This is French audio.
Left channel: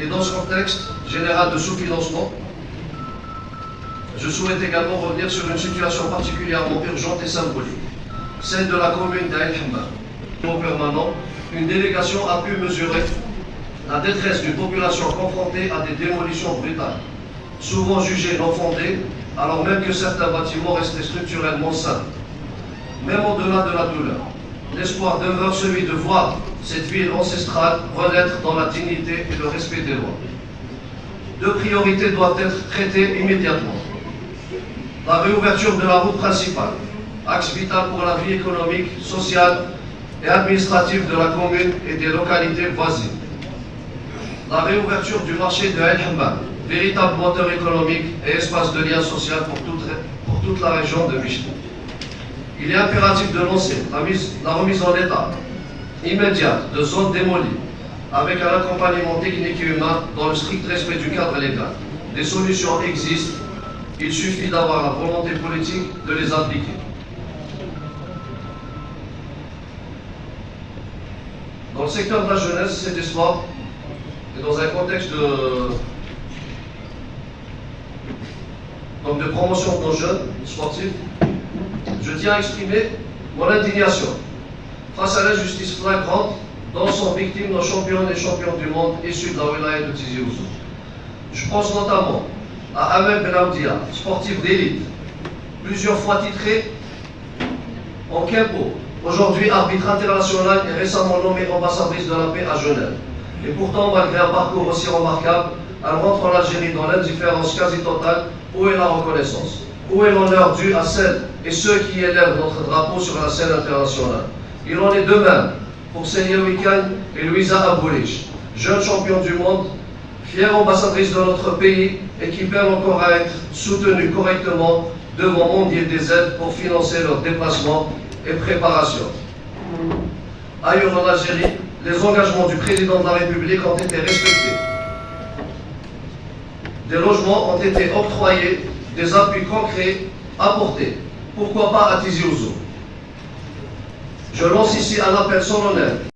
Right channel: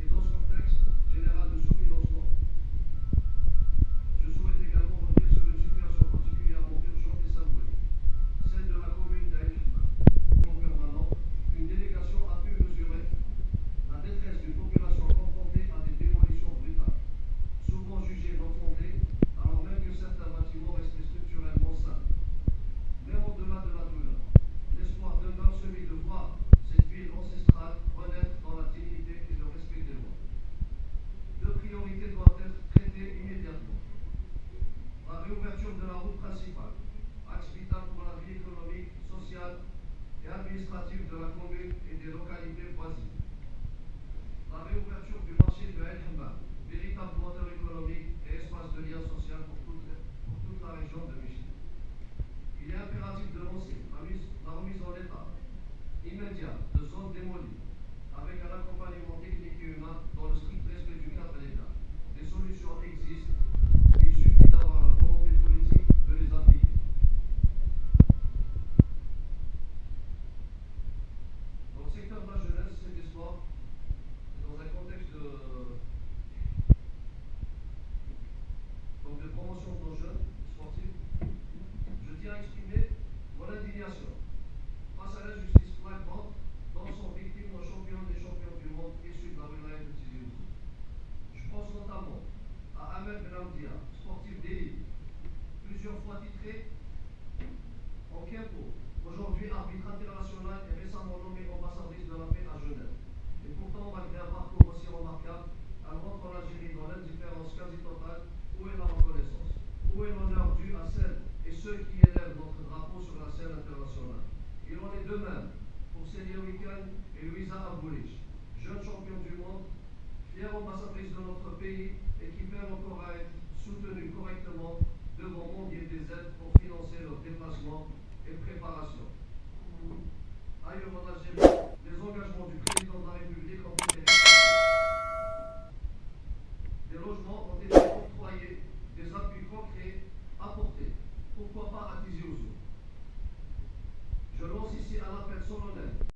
Et dans ce contexte général de sous-financement, je souhaite également revenir sur une situation particulièrement urgente et symbolique, celle de la commune d'Aïn Hamma. Au permanent, une délégation a pu mesurer la détresse d'une population confrontée à des démolitions brutales, souvent jugées non fondées, alors même que certains bâtiments restaient structurellement sains. Même au-delà de la douleur, l'espoir demeure celui de voir cette ville ancestrale renaître dans la dignité et le respect des lois. Deux priorités doivent être traitées immédiatement. La réouverture de la route principale, axe vital pour la vie économique, sociale et administrative de la commune et des localités voisines. La réouverture du marché de El Hamma, véritable moteur économique et espace de lien social pour toute la région de Michli. Il est impératif de lancer la remise en état immédiate de zones démolies avec un accompagnement technique et humain dans le strict respect du cadre légal. Des solutions existent, il suffit d'avoir la volonté politique de les appliquer. Dans le secteur de la jeunesse, c'est des sports, et dans un contexte de promotion de nos jeunes sportifs, je tiens à exprimer mon indignation face à l'injustice flagrante dont sont victimes nos championnes et champions du monde issus de la wilaya de Tizi Ouzou. Je pense notamment à Amel Benamdia, sportif d'élite, plusieurs fois titré en Kempo, aujourd'hui arbitre international et récemment nommée ambassadrice de la paix à Genève. Et pourtant, malgré un parcours aussi remarquable, elle rentre en Algérie dans l'indifférence quasi totale. Où est la reconnaissance? Où est l'honneur dû à celles et ceux qui élèvent notre drapeau sur la scène internationale? Il en est de même pour Senia Wikan et Louisa Aboulich, jeunes champions du monde, fières ambassadrices de notre pays et qui peinent encore à être soutenues correctement devant Mondier des aides pour financer leurs déplacements et préparations. Ailleurs en Algérie, les engagements du président de la République ont été respectés. Des logements ont été octroyés, des appuis concrets apportés. Pourquoi pas à Tizi Ouzou? Je lance ici un appel solennel